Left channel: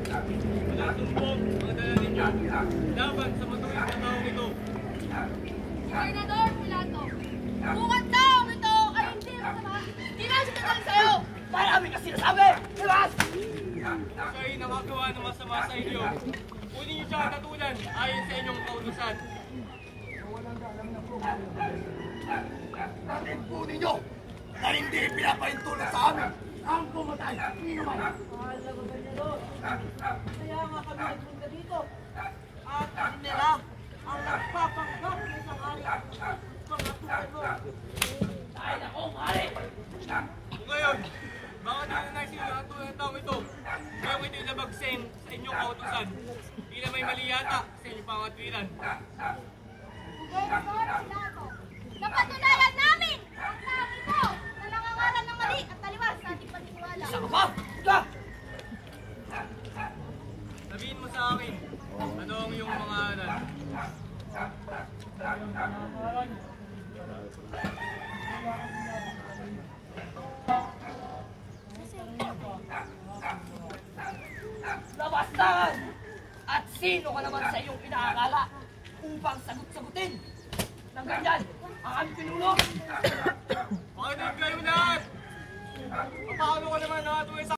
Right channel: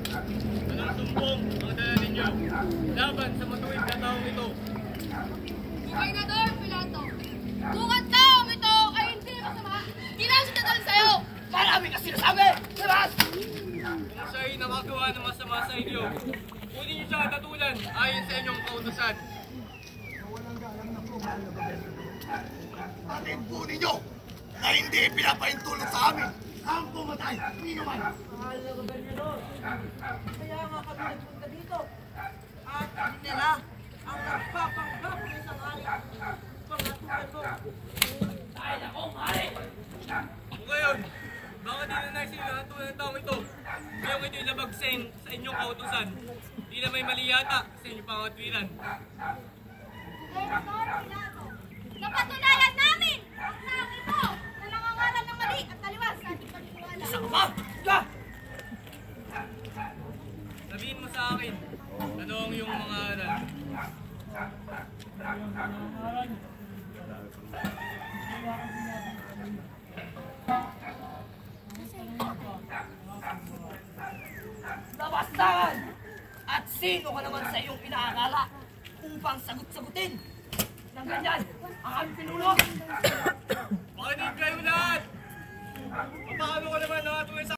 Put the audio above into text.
Anong sumbong ang dala ninyo laban sa matuwid na taong ito? Gobernador Pilato, kung ang taong ito ay hindi masama, hindi na siya dadalhin sa'yo! Marami ka sinasabi! Labas! Kung siya'y nakagawa ng masama sa inyo, kunin niyo siya tatulan ayon sa inyong kautusan. Patin po ninyo na hindi pinapahintulot sa amin ang pumatay ni naman. Mahal na gobernador, kaya nga kami nagpunta dito. At hindi nila ang nagpapanggap ng isang hari. Mga tupan mo. Dahil ako, hari! Kung ngayon, baka di na naisip ang tulad ng taong ito, ngayong ito'y labagsin sa inyong kautusan. Di na may mali yata sa inyong pangatwiran. Gobernador Pilato, napatunayan namin ang taong ito na nangangaral ng mali at taliwas sa ating paniniwala. Isa ka ba? Ika! Sabihin mo sa akin, ano ang iyong mga aral? Labastangan! At sino ka naman sa iyong inaakala upang sagot-sagutin ng ganyan ang aming pinulo? Makinig kayo lahat! Paano ka naman nakatuloy sa